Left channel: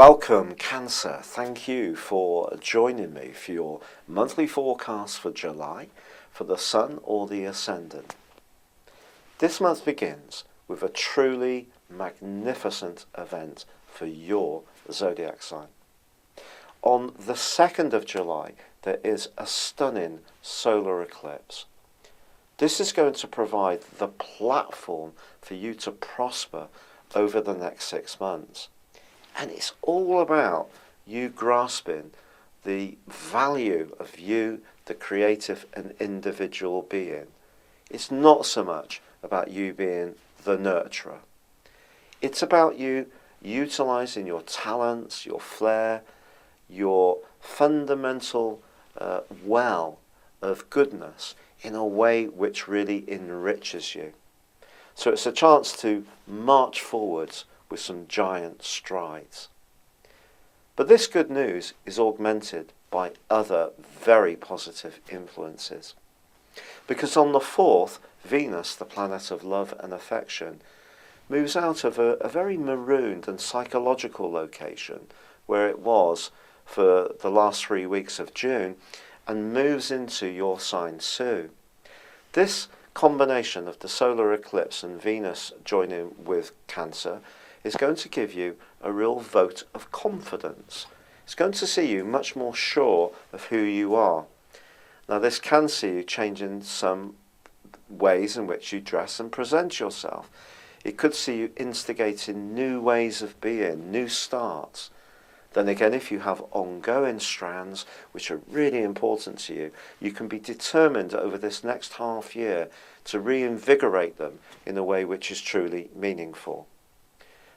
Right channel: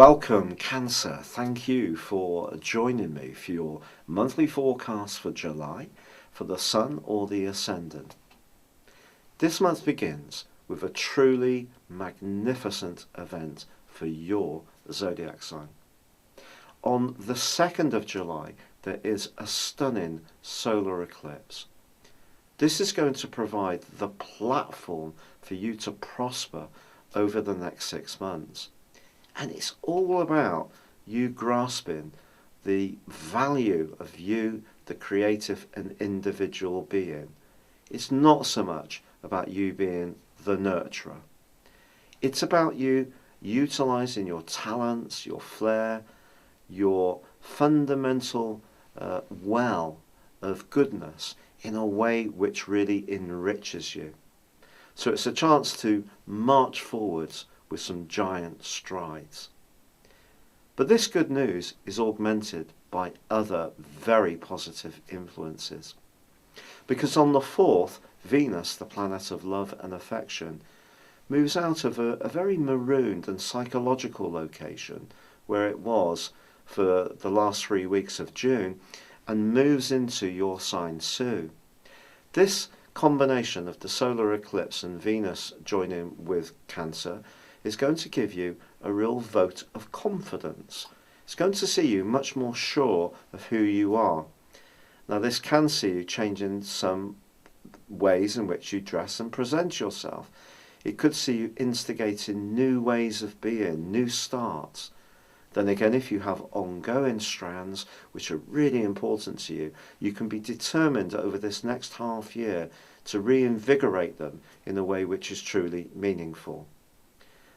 Welcome, Cancer. Thank you for joining me for your monthly forecast for July for the Sun or the Ascendant. This month begins with a truly magnificent event for your zodiac sign. On the 2nd of July, there is a stunning solar eclipse. This is going to provide the platform for you to prosper over the next 6 months. And it's all about you grasping the value of you, the creative and individual being. It's not so much about you being the nurturer. It's about you utilizing your talents, your flair, your fundamental well of goodness in a way which really enriches you. So it's a chance to march forwards with some giant strides. But this good news is augmented by other very positive influences. Because on the 4th, Venus, the planet of love and affection, moves out of a very marooned and psychological location where it was for the last 3 weeks of June and moves into your sign Sue. This combination of the solar eclipse and Venus joining with Cancer is going to give you a real vote of confidence. It's going to see you much more sure of who you are. Now this can see you changing some ways in which you dress and present yourself. It could see you instigating new ways of being, new starts. Then again, if you have ongoing strands which are really important to you, you can be determined over this next half year to reinvigorate them in a way which is truly meaningful.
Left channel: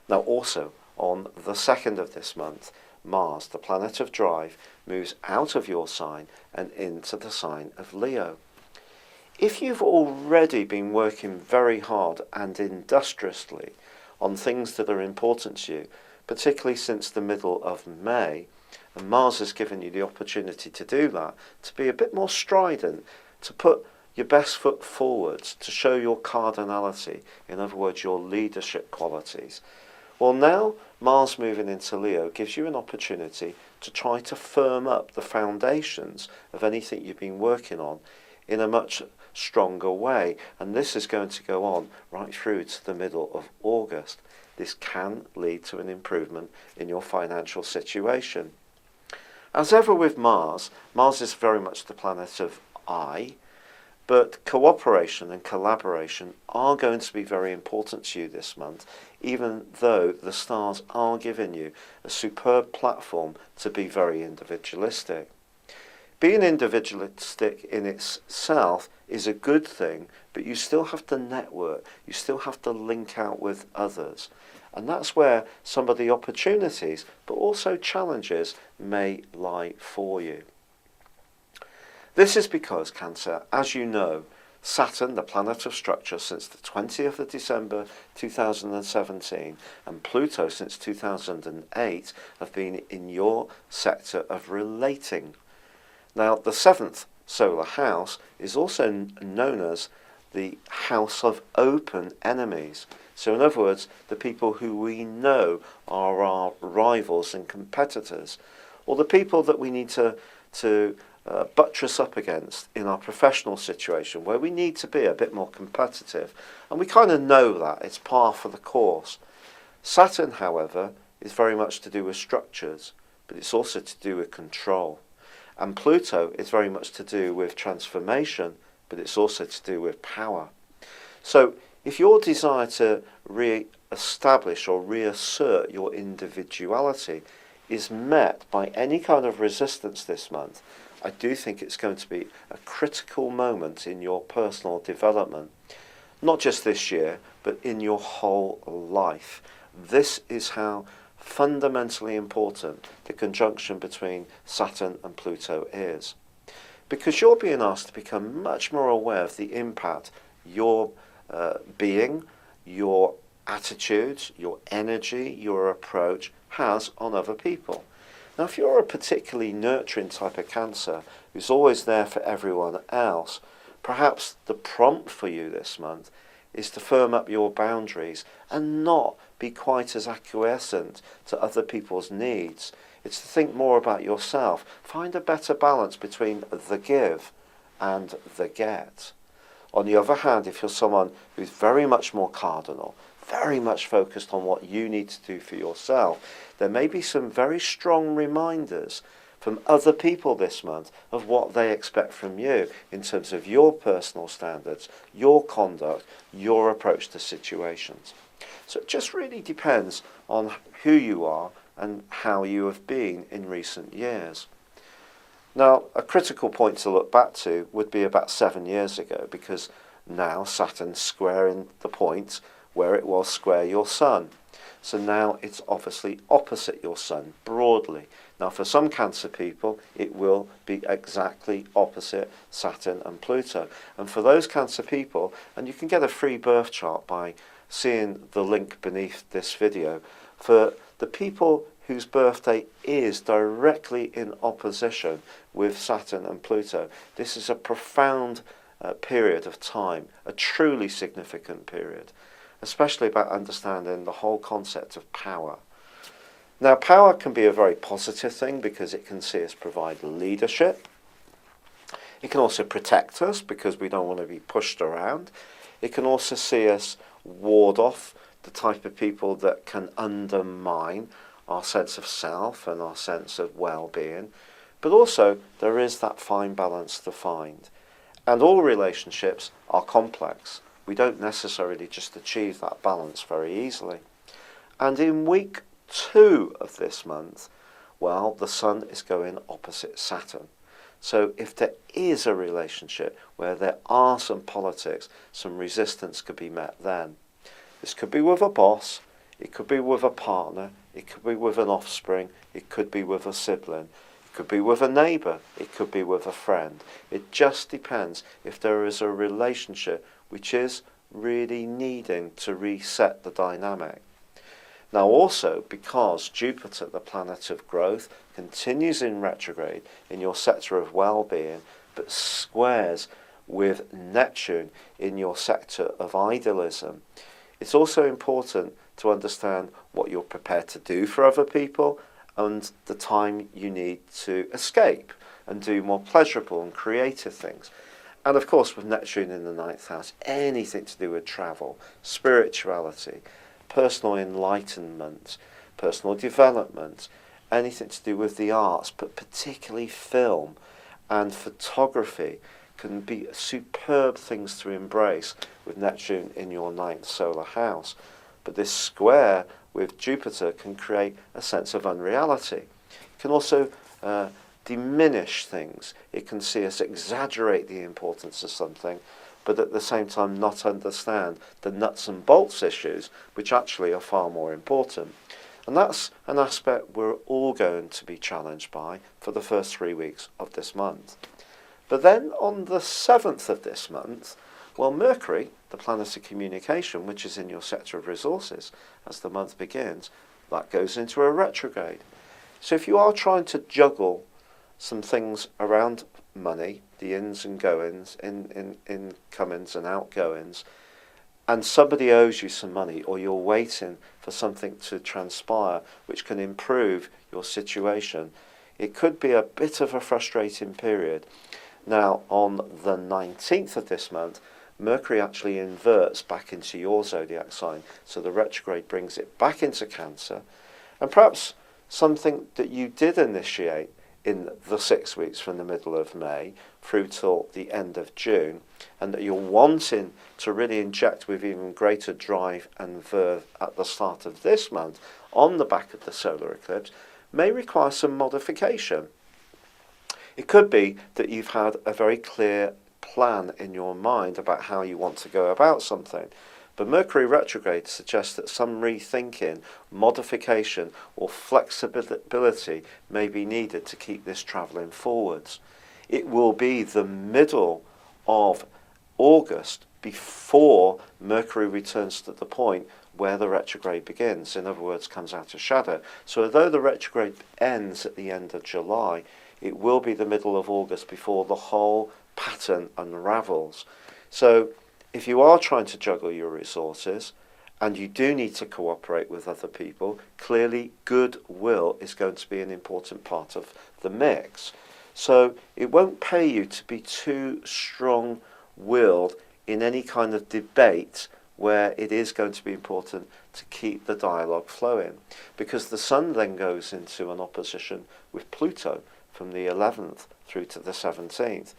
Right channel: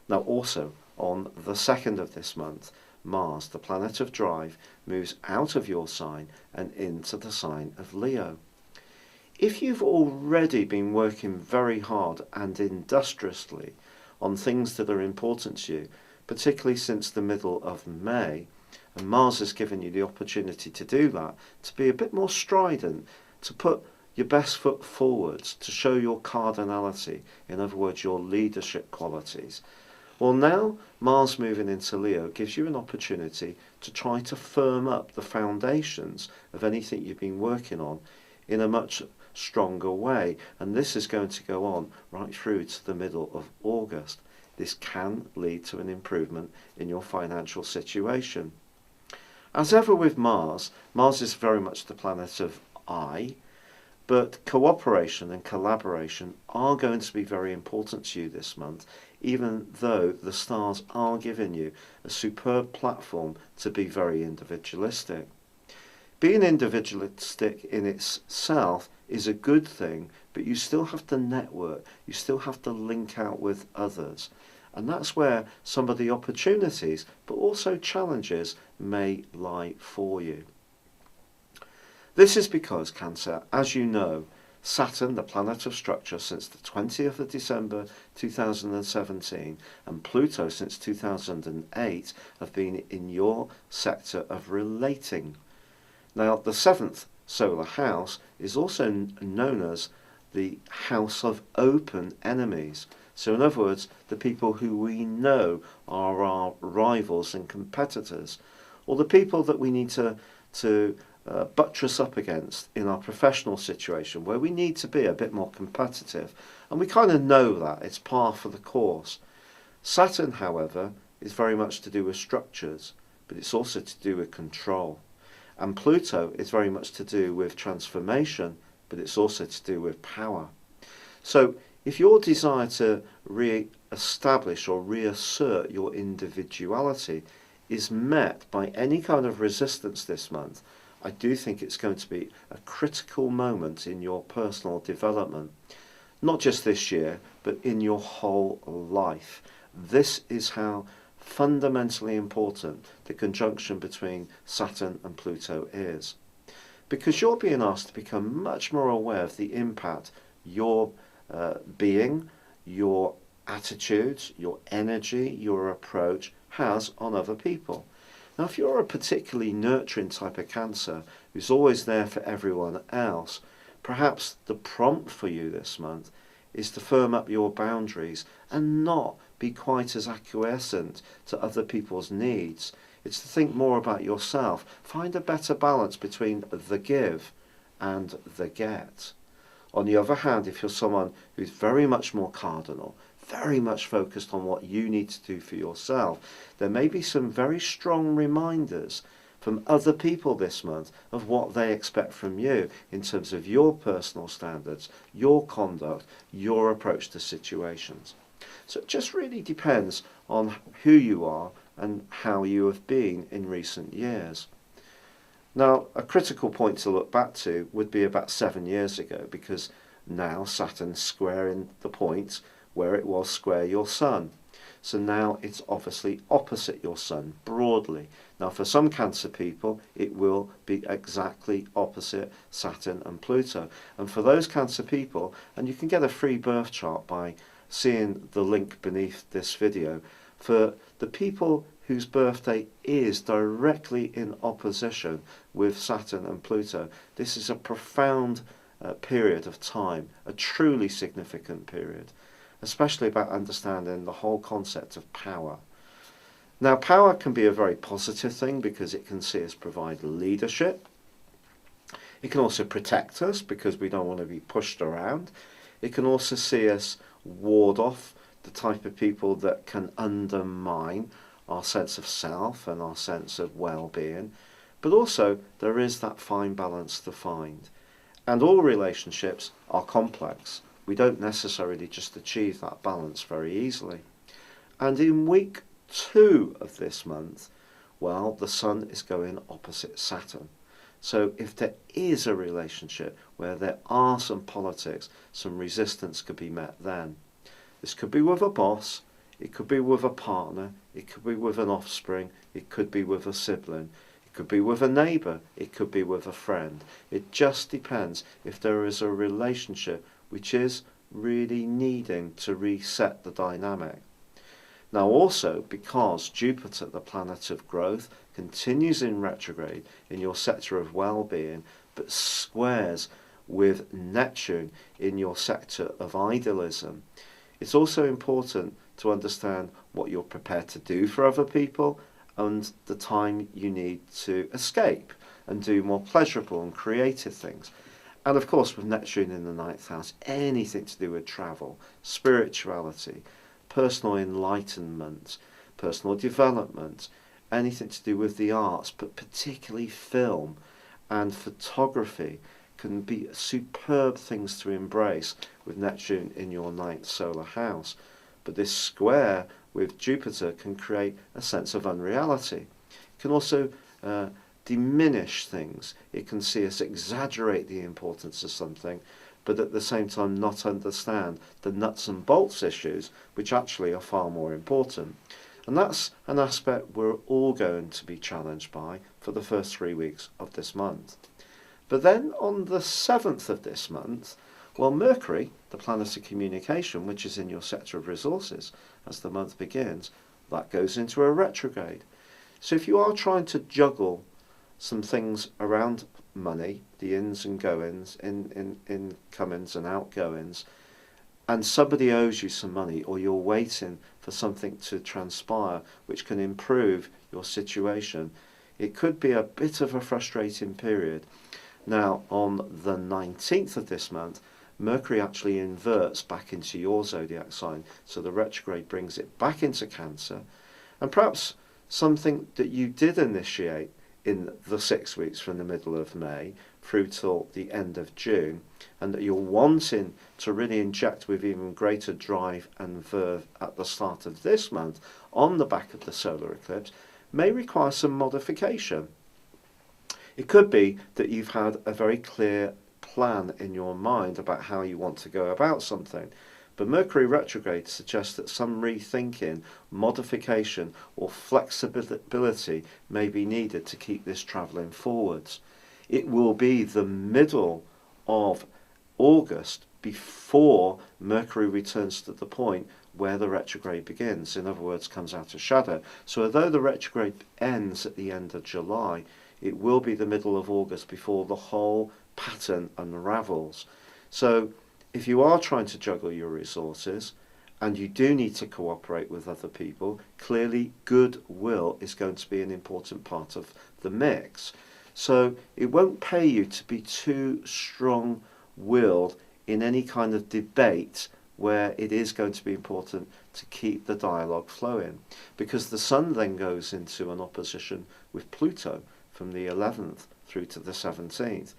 Now also, on the 2nd of this month, Mars, the planet of drive, moves out of your sign and into the sign of Leo. If you've already been working very hard and industriously on things that are important to you, particularly since the middle of May, and Mars has given you the opportunity to do that, to be a bit more strident, to put your best foot forwards, to show your cardinality, in other words, your leadership qualities. Well, now Mars moving into Leo gives you an opportunity to try to firm up the foundations of anything you've been working on in a much stronger way. And this is going to go on right through to the middle of August. This can lead to an improvement in your financial situation. As ever with Mars, Mars is very much the planet of I, but cooperation and collaboration are going to be very important to you this month, even though the stars are giving you a superb platform to be very individualistic. Being individualistic in itself is a good thing, but you still have to network, you still have to link out with others. And that's where some of the opportunities, but also challenges, may lie for you. This is because, Cancer, as you know, Saturn, the planet of structure since the 20th of December 2017, and Pluto since 2008 have been in your sector of relating. Now, the 7th solar house is also known as the house of open enemies. So in other words, the people who we know are our rivals and competitors, or the people that we need to buttress up against in our professional situation, where we need to be a bit more competitive. And we kind of know that, it's par for the course. Saturn, however, is very much to do with structures, but it's also to do with control. And Pluto is very much to do with transformation, but it's also to do with power. So if your desire to re-establish or reassert your individuality is met by any kind of resistance this month, I do think it's going to be a critical moment in your personal development. Not just this year, but in your whole life. This is how fundamentally important the conjunction between Saturn and Pluto is. Because you're being asked to become much more aware of the impact your being, your attitudes, your energy, your approach has on other people. Now, if you're a particularly nurturing type of Cancer who's always there for everyone else, perhaps the prompt for you this month is to firm up your boundaries and not be quite as acquiescent to other people's needs. It's to think more about yourself. Find a better balance between the give and the get. On the other hand, if you're someone who's very much more cardinal, very much focused on what you need to do for yourself, there may be some very strong reminders from other people this month of what they expect from you in terms of your personal standards, your conduct, your approach to situations. So it just really depends on who you are and how you have been in recent years. Now, a critical point to look back to would be about 7 years ago, because now Saturn's squaring the point where it was square your Sun. So now it's obviously opposite your Sun, broadly. Now, for some Cancer people, it will be exactly opposite Saturn and Pluto. And for those Cancer people, and you can get a free birth chart by seeing the link beneath this video, for the people whose birthday is directly in opposition with Saturn and Pluto, this is a profound period of time, a truly significant period, especially about understanding the whole concept of power. Now, power can be a very positive thing because it can see us provide leadership. It can also protect us because we don't want to be pushed around. It can also see us ward off the type of people that can undermine our sense of self and our sense of well-being. But also, there is that fine balance to find. And all relationships are complex. We don't necessarily just achieve that balance very easily. And in week 2 of this month, well, the Sun is going opposite Saturn. So if there is a relationship where there are some politics, some resistance could be met then. This could be with a boss, it could be with a partner, it could be with an offspring, it could be with a sibling, it could be with a neighbour, it could be with a friend. It just depends if there is a relationship which is really needing to reset the dynamic. Now also, because Jupiter, the planet of growth, continues in retrograde in your sector of well-being, but squares with Neptune in your sector of idealism, it's also important to understand what you're prepared to do for other people and the time you need to escape and do more pleasurable and creative things. And of course, with Neptune in the 9th house, anything to do with travel, spirituality, personal enlightenment, personal development, anything to do with the arts, but particularly film and photography can be superb things to embrace with Neptune in your 9th solar house. But this square with Jupiter can create a sense of unreality. It can also diminish things. It can see us exaggerate the importance of something, but at the same time not understand the nuts and bolts issues, which actually are far more important. And that's an aspect we're all going to be challenged by for the first 3 weeks of this month. But then on the 7th of this month, well, Mercury, the planet of communication, which is in your sector of resources, as the month begins, that goes into a retrograde. So if you are trying to juggle some things around money, the ins and goings, incomings and outgoings, and somebody owes you some money, or you're waiting for something to transpire which can improve your situation, it could be a bit of a frustrating period. Now, on the 19th of this month, Mercury actually inverts back into your zodiac sign, so the retrograde brings it back into Cancer, and perhaps something that you did initiate in the 6 weeks from the middle of May through till the end of June, and that you're wanting to really inject with even greater drive and verve at the start of this month on the back of the solar eclipse, may require some modification. It could be that you've had a very clear plan in your mind about how you want to go about something, but Mercury retrograde suggests that some rethinking, modification or flexibility may be needed to keep this travelling forwards. It will be the middle of August before Mercury returns to the point where the retrograde begins, in other words, comes out of shadow. So although the retrograde ends at the end of July, it will be the middle of August before the whole pattern unravels. So if you are trying to juggle your resources and you do need to cooperate with other people, clearly goodwill is going to be an important part of the mix. So it won't pay you to be too strong-willed in any kind of debate where it is going to be important to keep the dialogue flowing, because the Sun then goes into an opposition with Pluto from the 11th through to the 17th.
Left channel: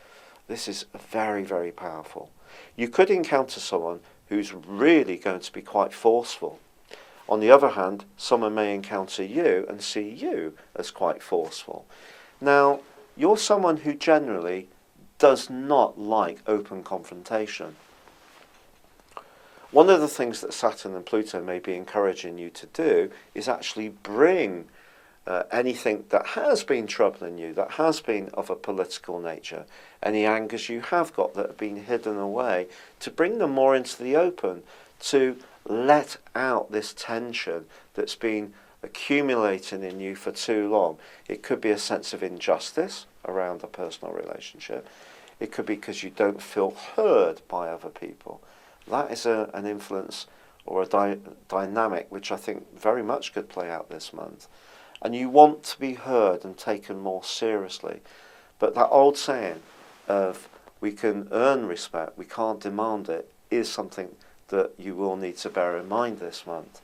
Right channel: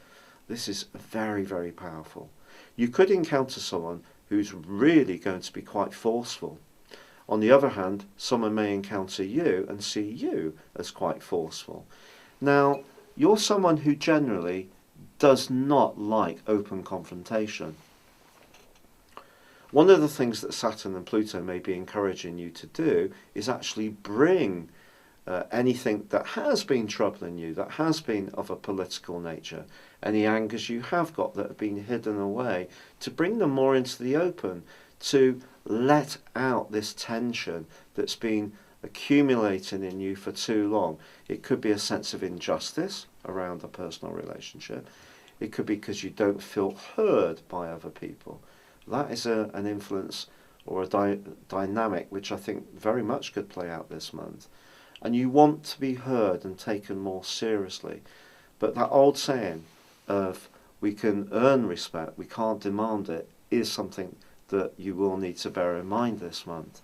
This is very, very powerful. You could encounter someone who's really going to be quite forceful. On the other hand, someone may encounter you and see you as quite forceful. Now, you're someone who generally does not like open confrontation. One of the things that Saturn and Pluto may be encouraging you to do is actually bring anything that has been troubling you, that has been of a political nature, any angers you have got that have been hidden away, to bring them more into the open, to let out this tension that's been accumulating in you for too long. It could be a sense of injustice around a personal relationship. It could be because you don't feel heard by other people. That is an influence or a dynamic which I think very much could play out this month. And you want to be heard and taken more seriously. But that old saying of we can earn respect, we can't demand it, is something that you will need to bear in mind this month.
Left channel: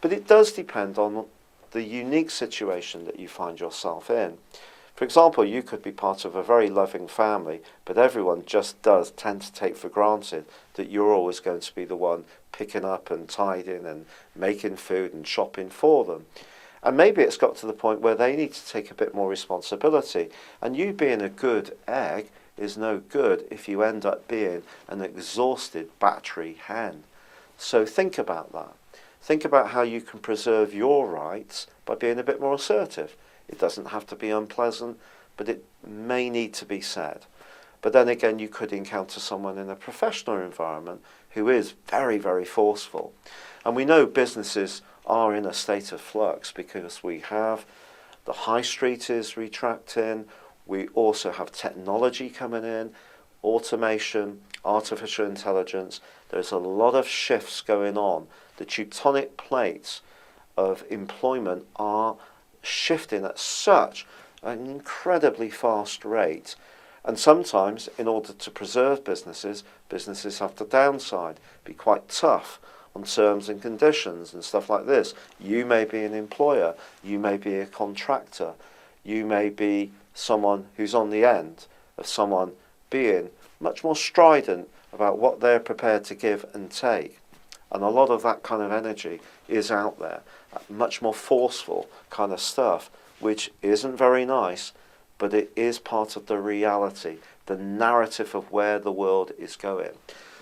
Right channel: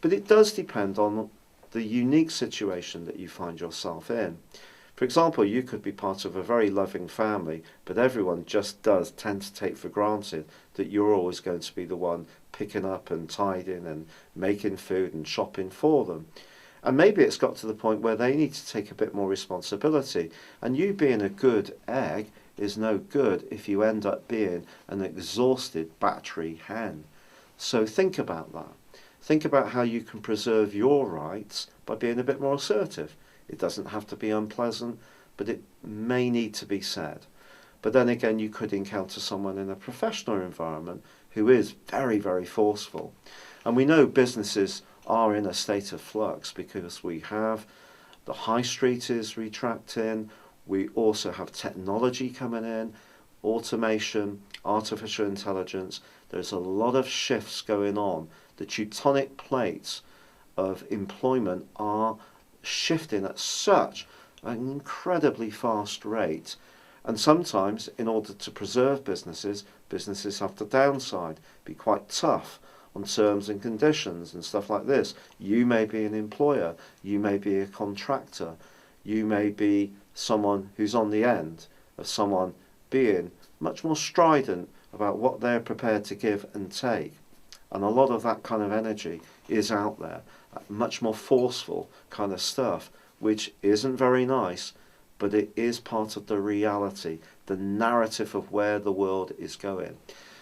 But it does depend on the unique situation that you find yourself in. For example, you could be part of a very loving family, but everyone just does tend to take for granted that you're always going to be the one picking up and tidying and making food and shopping for them. And maybe it's got to the point where they need to take a bit more responsibility. And you being a good egg is no good if you end up being an exhausted battery hen. So think about that. Think about how you can preserve your rights by being a bit more assertive. It doesn't have to be unpleasant, but it may need to be said. But then again, you could encounter someone in a professional environment who is very, very forceful. And we know businesses are in a state of flux because we have the high street is retracting. We also have technology coming in, automation, artificial intelligence. There's a lot of shifts going on. The tectonic plates of employment are shifting at such an incredibly fast rate. And sometimes, in order to preserve businesses have to downside, be quite tough on terms and conditions and stuff like this. You may be an employer, you may be a contractor, you may be someone who's on the end of someone being much more strident about what they're prepared to give and take. And a lot of that kind of energy is out there, much more forceful kind of stuff, which isn't very nice, but it is part of the reality, the narrative of where the world is going.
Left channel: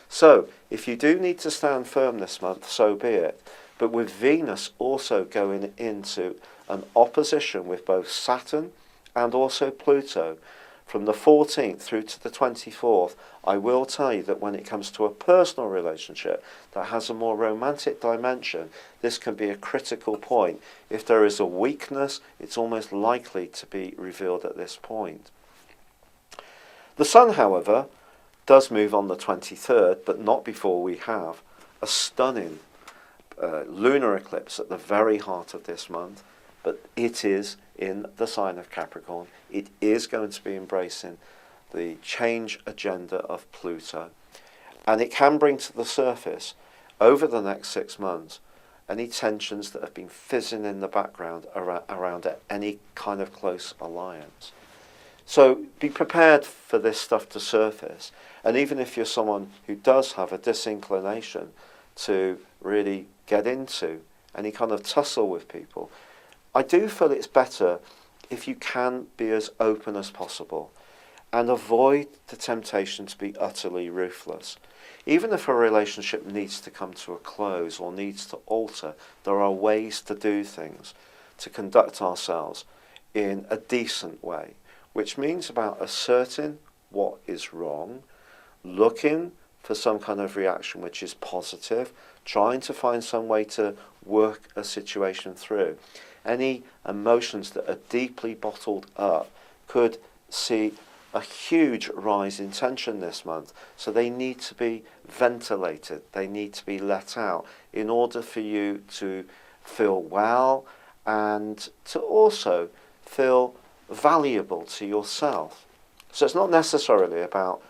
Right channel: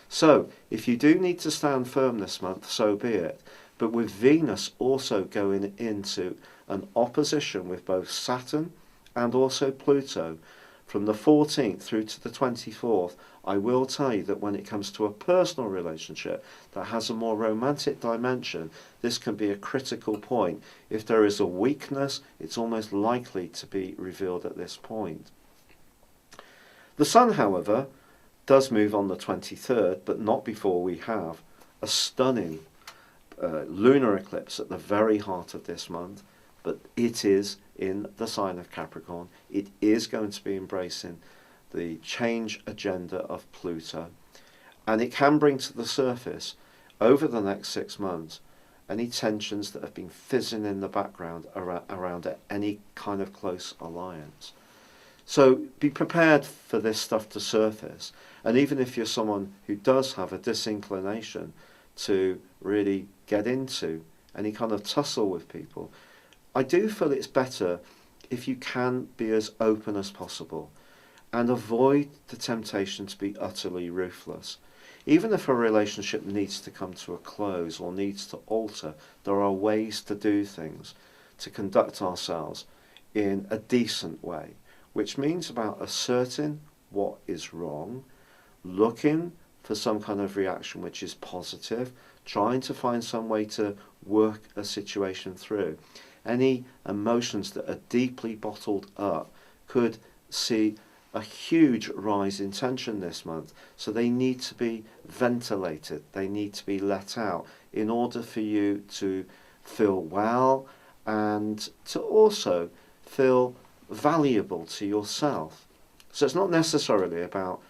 So, if you do need to stand firm this month, so be it. But with Venus also going into an opposition with both Saturn and also Pluto, from the 14th through to the 24th, I will tell you that when it comes to a personal relationship that has a more romantic dimension, this can be a critical point. If there is a weakness, it's almost likely to be revealed at this point. The Sun, however, does move on the 23rd, but not before we have a stunning lunar eclipse at the very heart of this month. But it is in the sign of Capricorn. It is going to be embracing the change agenda of Pluto. And it can bring to the surface, over the next 6 months, any tensions that have been fizzing in the background around any kind of close alliance. So be prepared for this stuff to surface. And even if you're someone who does have a disinclination to really get into any kind of tussle with people, I do feel it's better if you can be as open as possible and avoid the temptation to be utterly ruthless. Even if a relationship needs to come to a close or needs to alter, there are ways to do things, to conduct ourselves in a decent way, which means about asserting what is wrong, looking for some kind of reaction which is positive, trying to find some way to work a situation through. Any emotions that are deeply bottled up could see a huge rise in tension this month, so they need to be ventilated. They need to be let out in order for you to feel well and to also feel valuable to yourself. So it's not necessarily about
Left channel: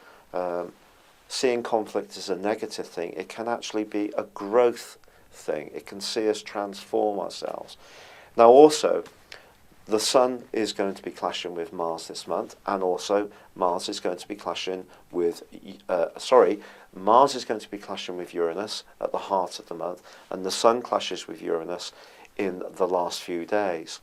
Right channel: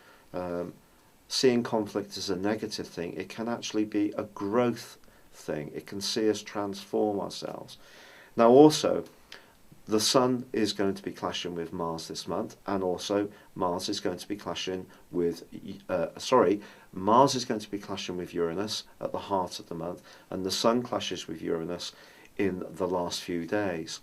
seeing conflict as a negative thing. It can actually be a growth thing. It can see us transform ourselves. Now also, the Sun is going to be clashing with Mars this month, and also Mars is going to be clashing with, Mars is going to be clashing with Uranus at the heart of the month, and the Sun clashes with Uranus in the last few days.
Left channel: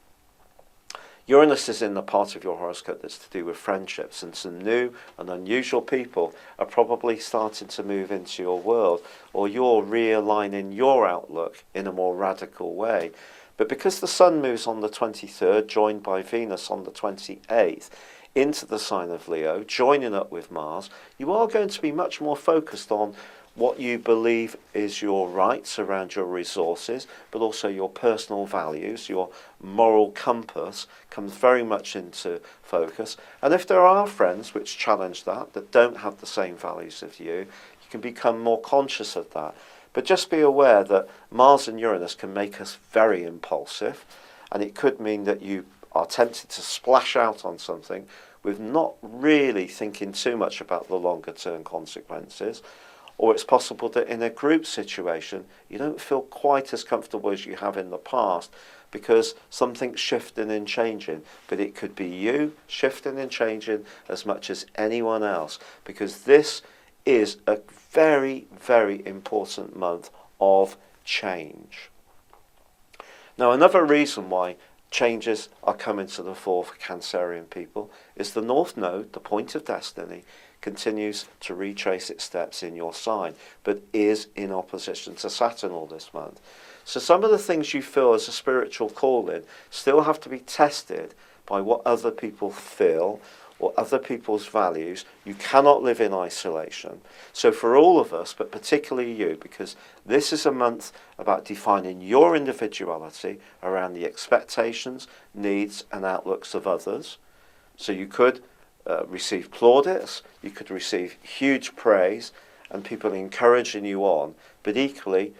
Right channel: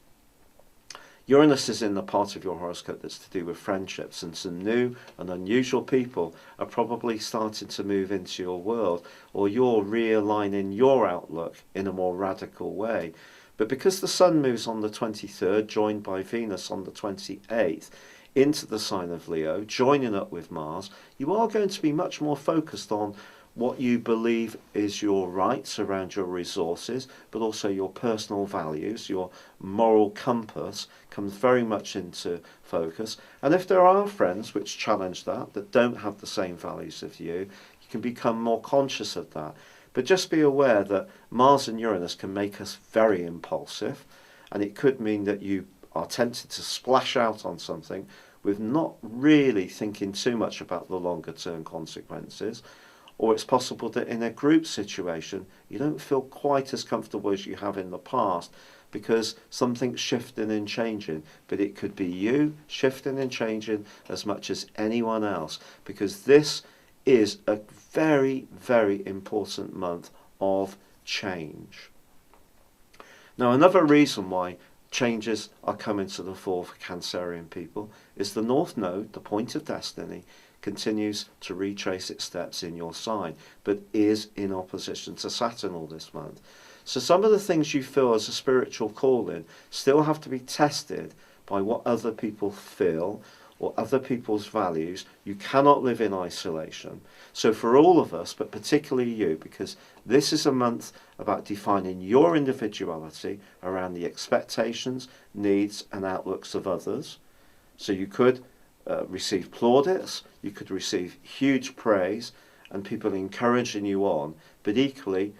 Uranus is in the part of your horoscope that's to do with friendships, and some new and unusual people are probably starting to move into your world, or you're realigning your outlook in a more radical way. But because the Sun moves on the 23rd, joined by Venus on the 28th, into the sign of Leo, joining up with Mars, you are going to be much more focused on what you believe is your rights around your resources, but also your personal values, your moral compass comes very much into focus. And if there are friends which challenge that don't have the same values as you can become more conscious of that. But just be aware that Mars and Uranus can make us very impulsive, and it could mean that you are tempted to splash out on something with not really thinking too much about the longer term consequences. Or it's possible that in a group situation, you don't feel quite as comfortable as you have in the past because something's shifting and changing. But it could be you shifting and changing as much as anyone else, because this is a very, very important month of change. Now, another reason why changes are coming to the fore for Cancerian people is the North Node, the point of destiny, continues to retrace its steps in your sign, but is in opposition to Saturn all this month. So some of the things you feel as a spiritual calling still have to be tested by what other people feel or other people's values. You cannot live in isolation. So for all of us, but particularly you, because this is a month about defining your individuality around the expectations, needs and outlooks of others. So you could receive plaudits, you could receive huge praise and people encouraging you on, but equally,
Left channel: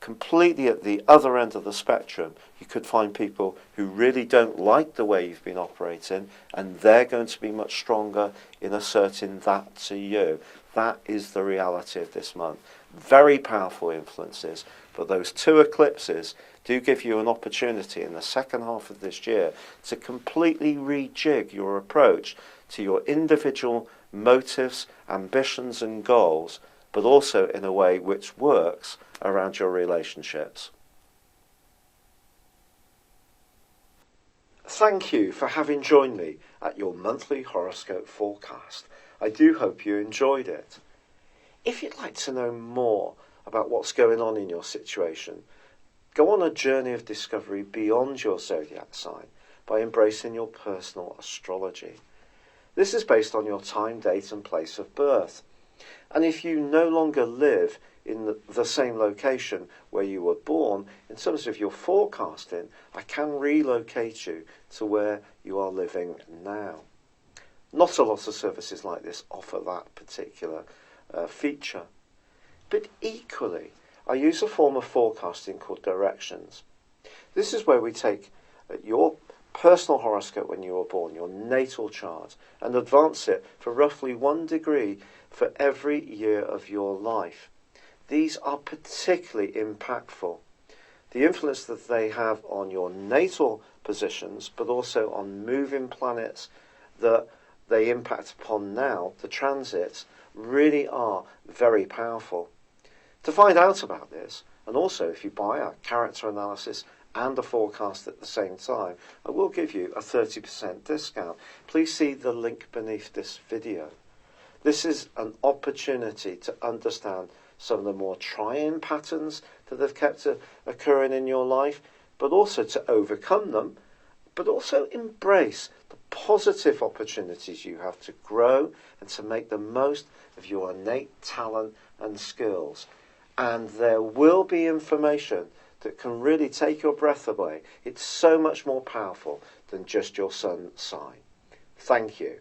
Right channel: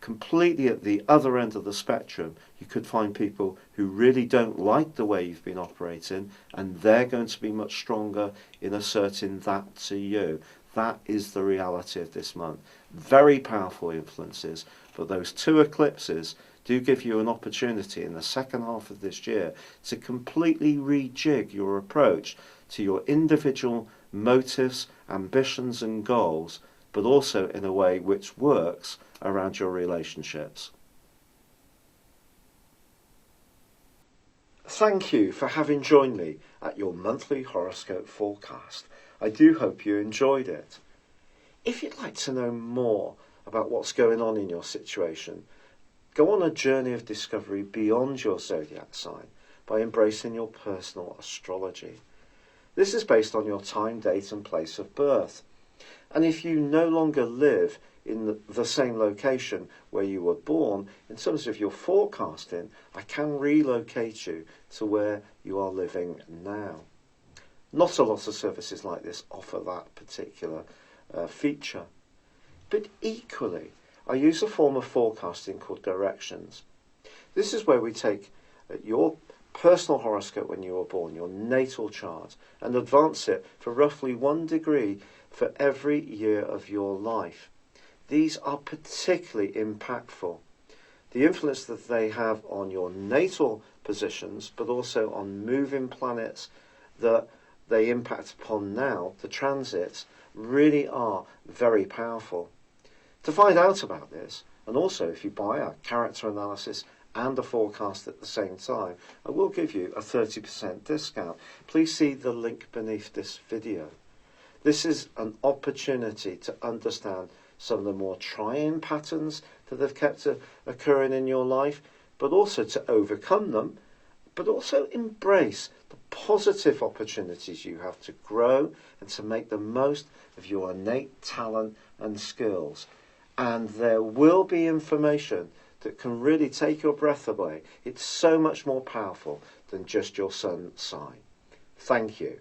completely at the other end of the spectrum, you could find people who really don't like the way you've been operating, and they're going to be much stronger in asserting that to you. That is the reality of this month. Very powerful influences, but those two eclipses do give you an opportunity in the second half of this year to completely rejig your approach to your individual motives, ambitions and goals, but also in a way which works around your relationships. Thank you for having joined me at your monthly horoscope forecast. I do hope you enjoyed it. If you'd like to know more about what's going on in your situation, go on a journey of discovery beyond your zodiac sign by embracing your personal astrology. This is based on your time, date and place of birth. And if you no longer live in the same location where you were born, in terms of your forecasting, I can relocate you to where you are living now. Not a lot of services like this offer that particular feature. But equally, I use a form of forecasting called directions. This is where we take your personal horoscope when you were born, your natal chart, and advance it for roughly 1 degree for every year of your life. These are particularly impactful. The influence that they have on your natal positions, but also on moving planets that they impact upon now, the transits, really are very powerful. To find out about this, and also if you buy a character analysis and a forecast at the same time, I will give you a 30% discount. Please see the link beneath this video. This is an opportunity to understand some of the more trying patterns that have kept occurring in your life, but also to overcome them, but also embrace the positive opportunities you have to grow and to make the most of your innate talent and skills. And there will be information that can really take your breath away. It's so much more powerful than just your sun sign. Thank you.